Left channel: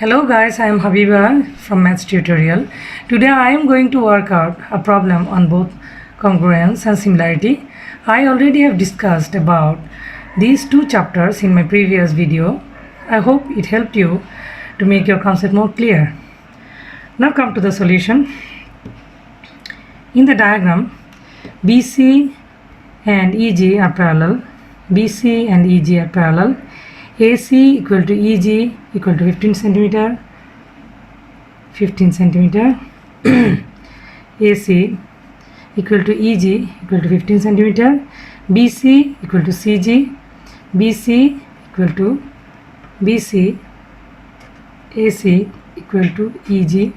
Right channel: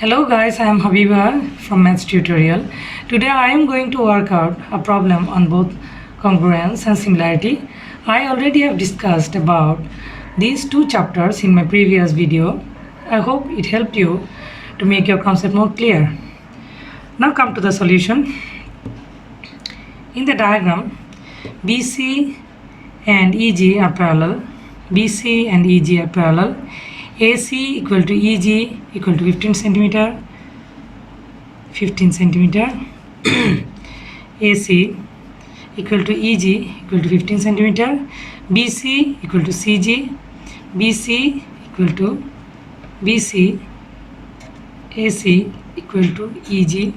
Hello guys, I am Habiba from Maths Tutorial. Today I am going to work out a problem on both congruence and similarity. I already have discussed about these two chapters in my previous video. I hope it helped you to make your concept more clear. Now come to the solution. In the diagram, BC and EG are parallel. BC and EG are parallel. AC equal to EG equal to 15 centimeter, 15 centimeter. AC equal to EG equal to 15 centimeter. BC equal to CG. BC equal to BC. AC equal to EG.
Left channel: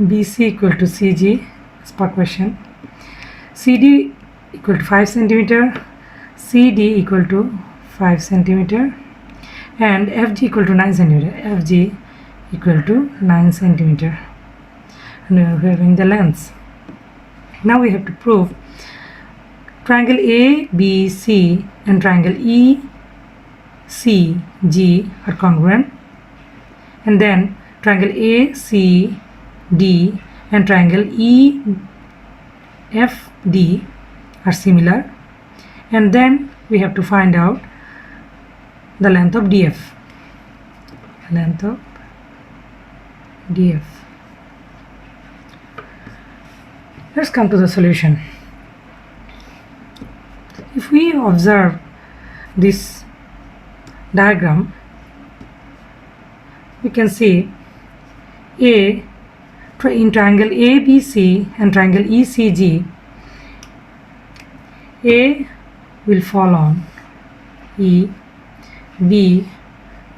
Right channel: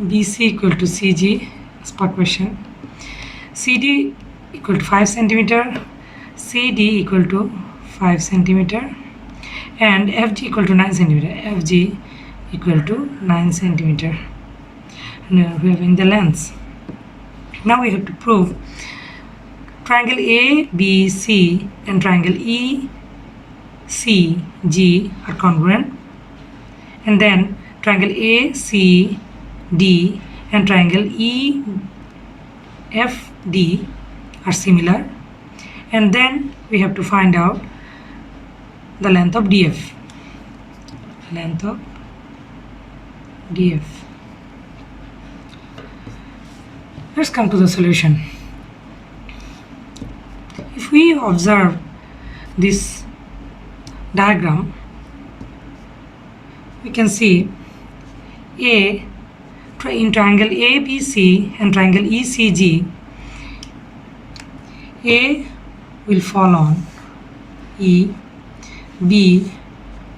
BC equal to CG as per question. CD equal to 5 centimeter. CD equal to 5 centimeter and FG equal to 9 centimeter. FG equal to 9 centimeter. And we are having the lengths. Now we have to prove triangle ABC and triangle ECG are congruent, and then triangle ACD and triangle EFD are similar, and then we have to find out the length of DF. Length of DF. Let's come to the solution. If we observe this diagram, we can see in triangle ABC and triangle ECG, A will fall on E, B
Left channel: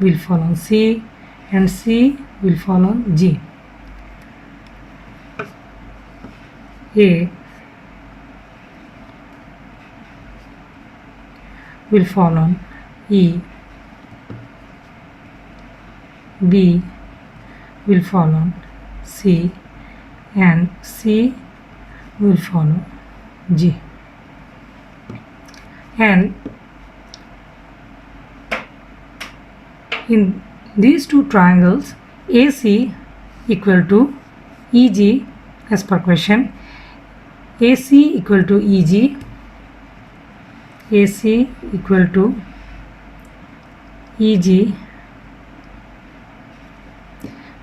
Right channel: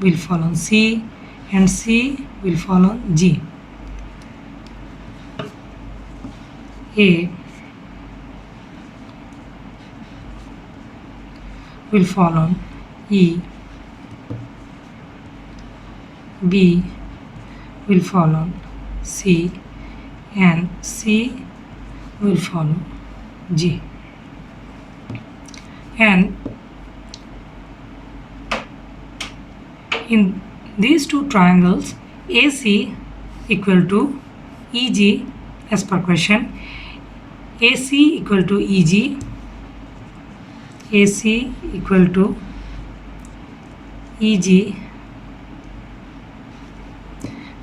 will fall on C, and C will fall on G. A will fall on E, B will fall on C, and C will follow G. And in these two triangles, AC equal to EG as per question. AC equal to EG. AC equal to EG.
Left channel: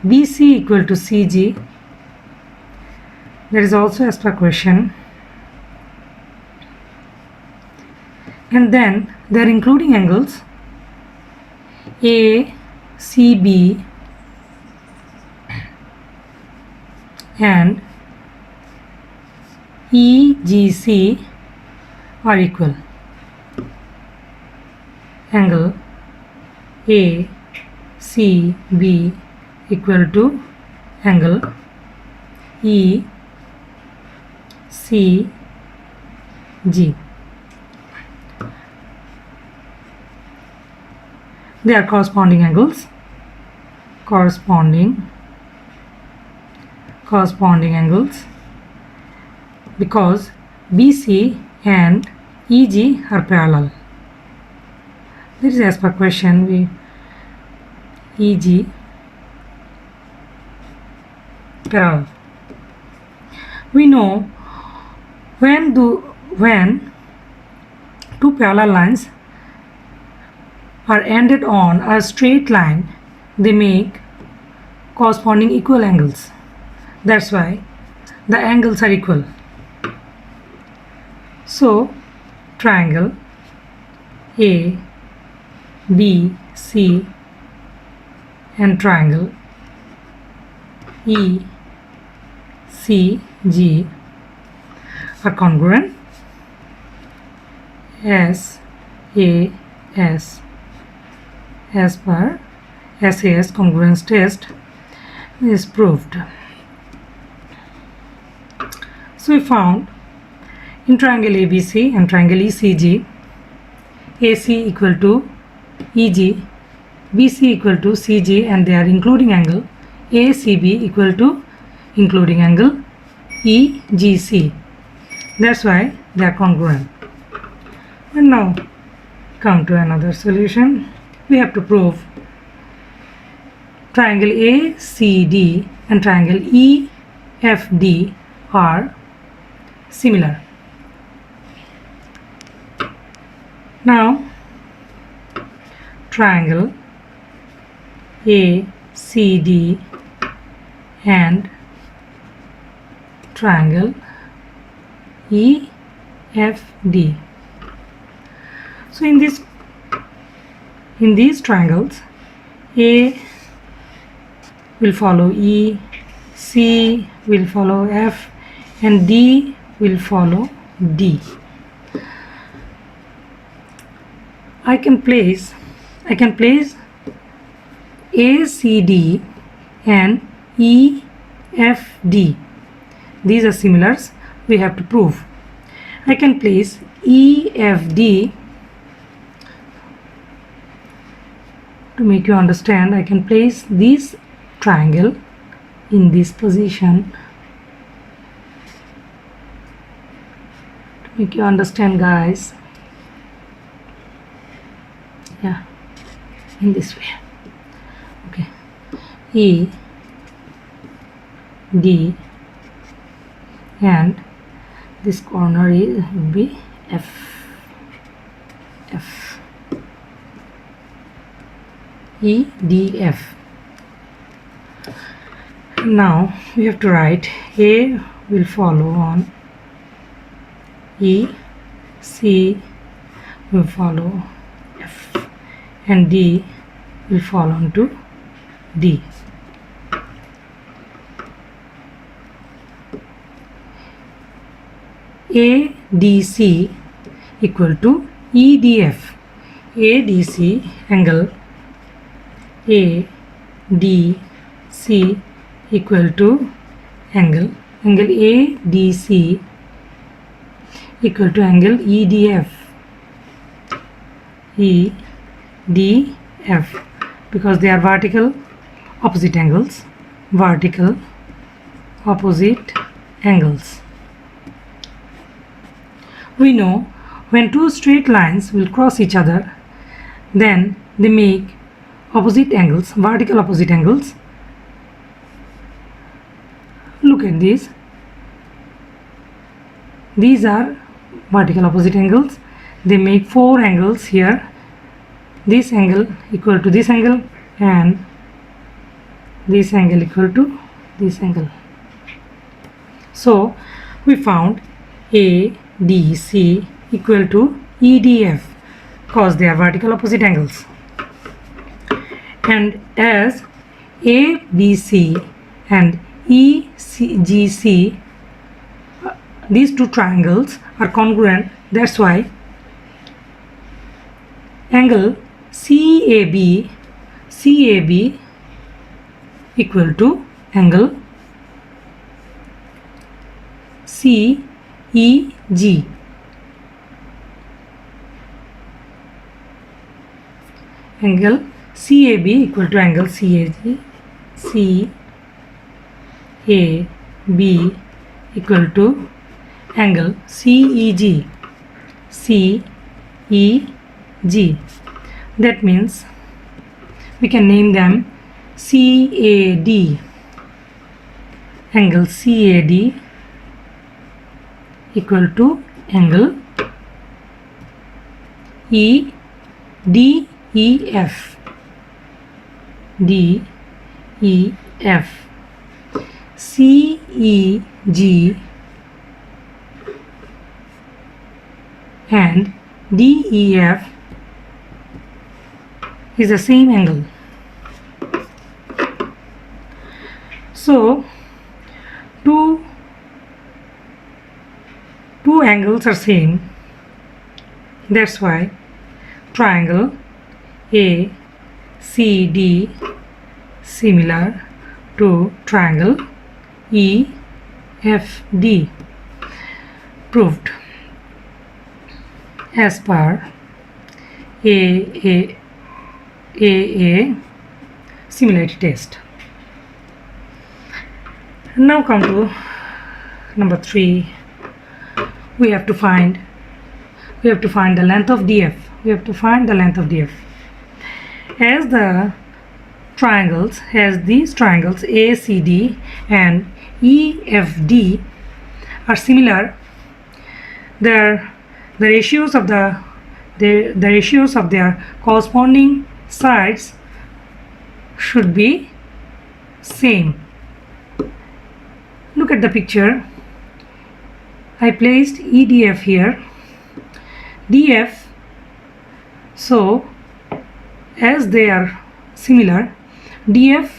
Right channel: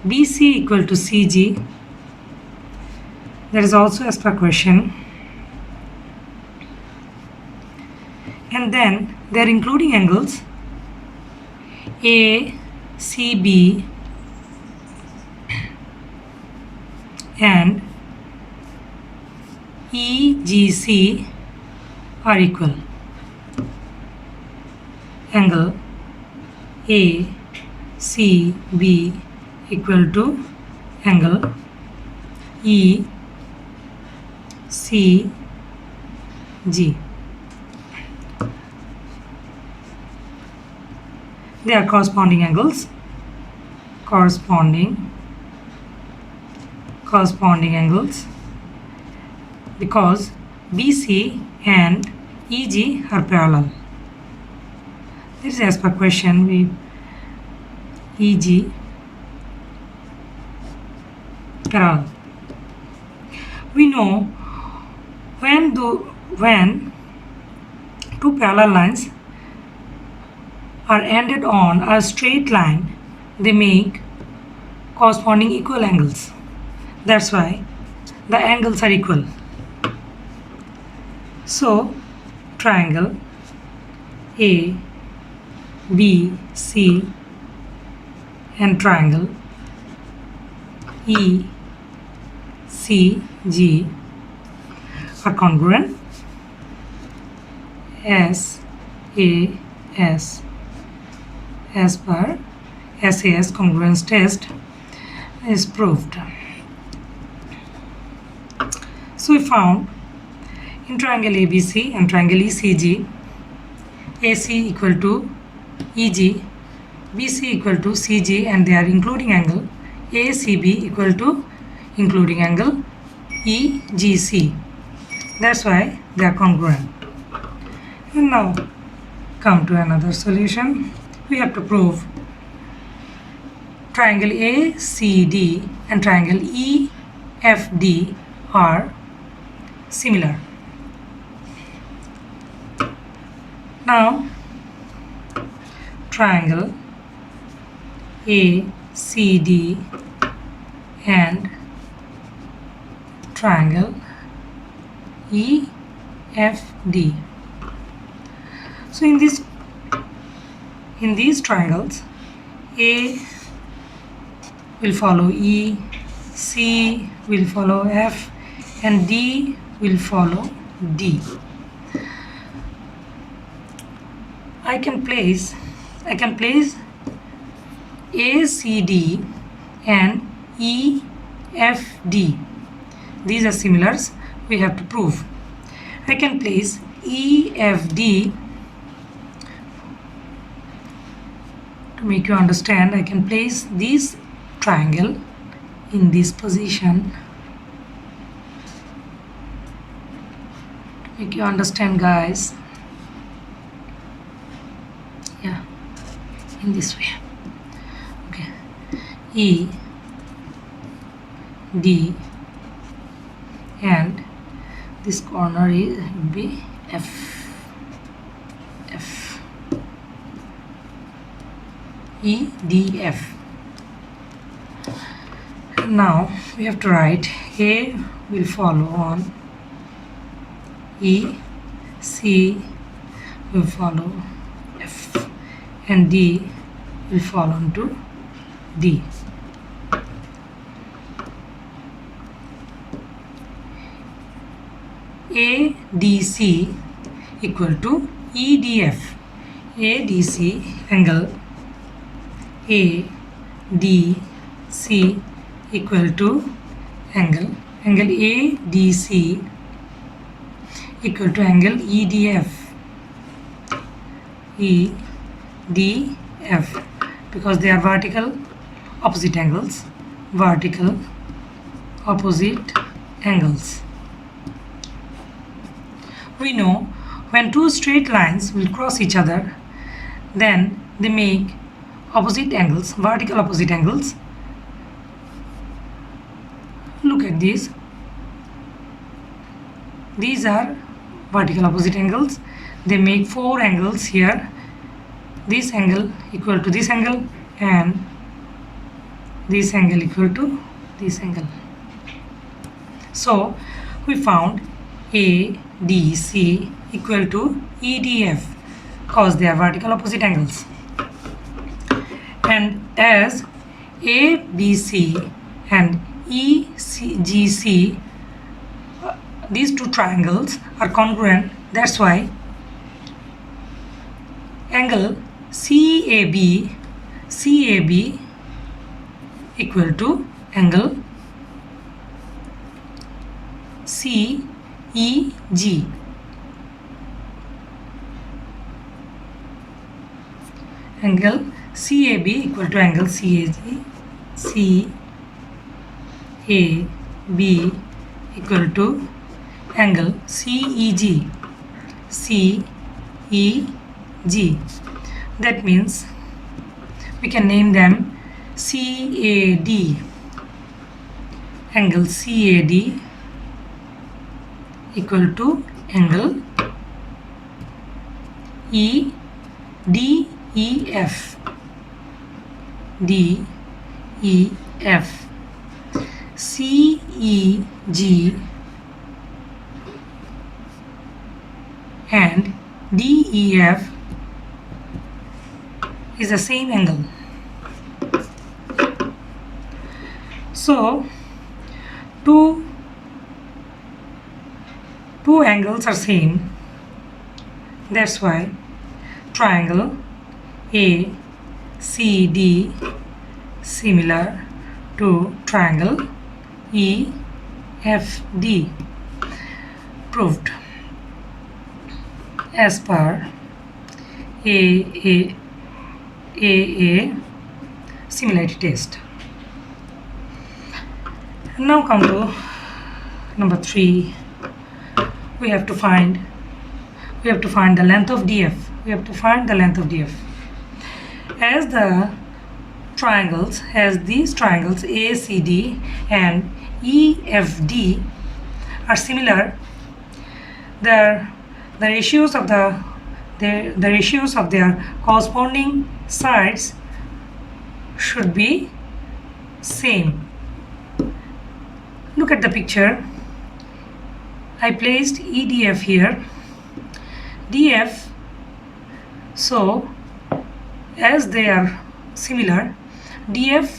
BC equal to CG. That is also as per question. And then they are including angles ACB and EGC are equal. Angle ACB equal to angle ECG. They are corresponding angles. Corresponding angles, because BC and EG are parallel. This is as per question. We EG parallel. We know when two parallel lines are ended on a straight line, they make corresponding equal angles. That's why the angles are equal. So triangle A, B, C and triangle E, C, G are congruent. SAS as per SAS congruence test is proved. So we found in triangle ABC and triangle ECG, AC equal to EG, BC equal to CG, and they are including angle ACB equal to including angle EGC. That's why they are congruent. And now come to another solution. We have to prove triangle ACD and triangle EFD are similar. Now triangle ACD and triangle EFD. So in these triangles, A will follow E, C will follow F, and D will follow D. I can place ACD and EFD. These are similars, we have to prove. I can place EFD to make you understand. I can place this triangle in this position to make you understand, guys. Yeah, in this way. Okay, E, D, and this corner would be F, E, D, F. Now we have to write A will follow on E, C will follow F, and D will fall on to D. ADC equal to EDF. ADC angle ADC equal to angle ADC equal to angle EDF. EDF, because they are vertical opposite angles. Vertical opposite angles. We know when two straight lines will cross each other, then they make opposite angles, vertical opposite angles. Look at these. These are vertical opposite angles. They make four angles here. This angle equal to this angle, and this angle equal to this angle. So we found ADC equal to EDF because they are vertical opposite angles. And as ABC and EGC, these two triangles are congruent, that's why angle CAB equal to angle CEG. Angle CAB equal to angle CAG. CAB equal to angle CEG. CEG. That means we can name them CAD. Angle CAD equal to angle DEF. DEF. CEG and DEF is the same angle. So two angles are same. That's why triangle ACD similar to triangle EFD. Proved as per AA similarity test. Now come to number 3. We have to find the length of DF. We have to find the length of DF. As the triangles, as these triangles ACD and EFD are similar, the ratios of the ratios of their corresponding sides should be same. Look at the picture. I placed EDF here, DF. So as they are similar, DF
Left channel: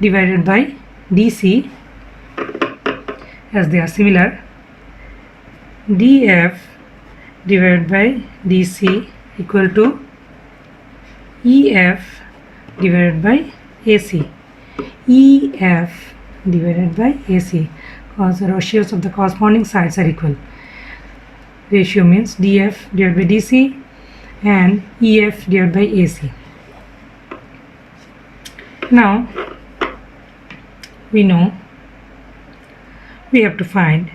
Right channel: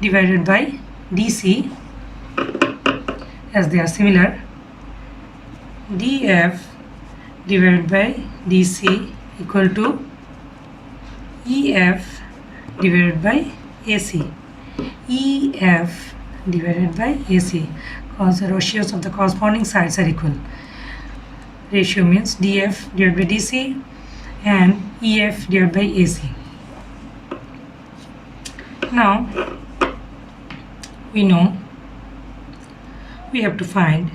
divided by DC, as they are similar, DF divided by DC equal to EF divided by AC. EF divided by AC, because the ratios of the corresponding sides are equal. Ratio means DF divided by DC and EF divided by AC. Now we know we have to find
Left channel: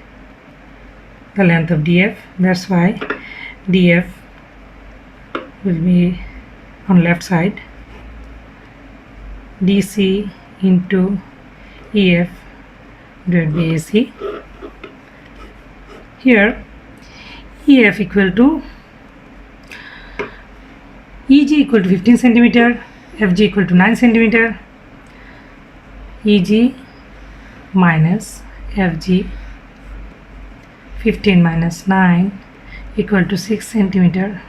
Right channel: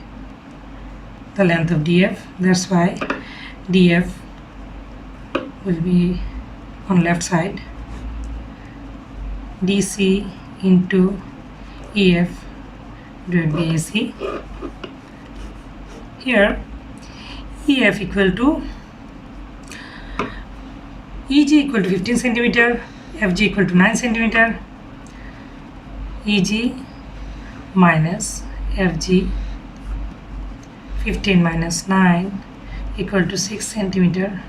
the length of DF. That's why DF will be on left side, DC into EF divided by AC. Here EF equal to EG equal to 15 centimeter, FG equal to 9 centimeter. EG minus FG, 15 minus 9 equal to 6 centimeter.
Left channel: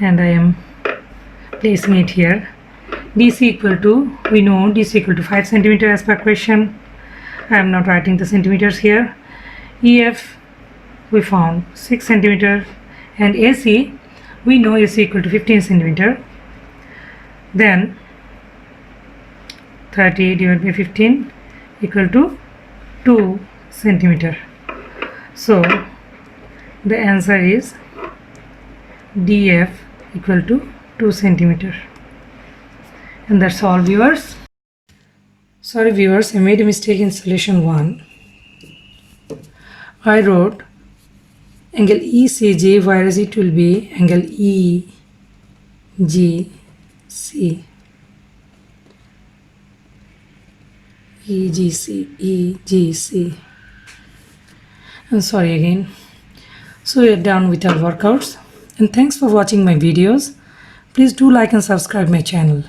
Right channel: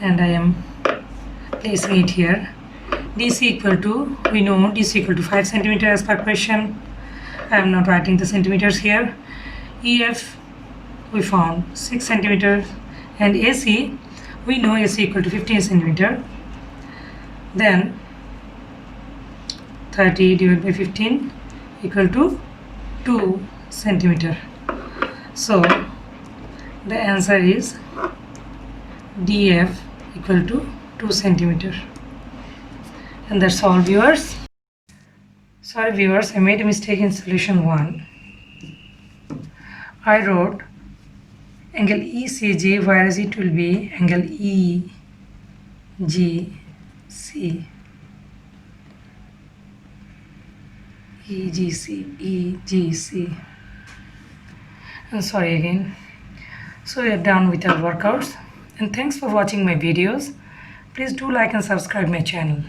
And I am placing it here. DC equal to, we know DC equal to 5 centimeter as per question. I am not writing the centimeters here. EF we found 6 centimeter, and AC we know AC equal to 15 centimeter. Then 30 divided by 15 equal to 2 centimeter. So the answer is DF equal to 2 centimeter. And that's all, viewers. Sorry viewers, I made a mistake in solution 1. I wrote angle ECG, whereas it will be angle EGC. EGC. And sorry again. So we are done with our workouts. And thanks for watching my videos. Please do like and subscribe my channel.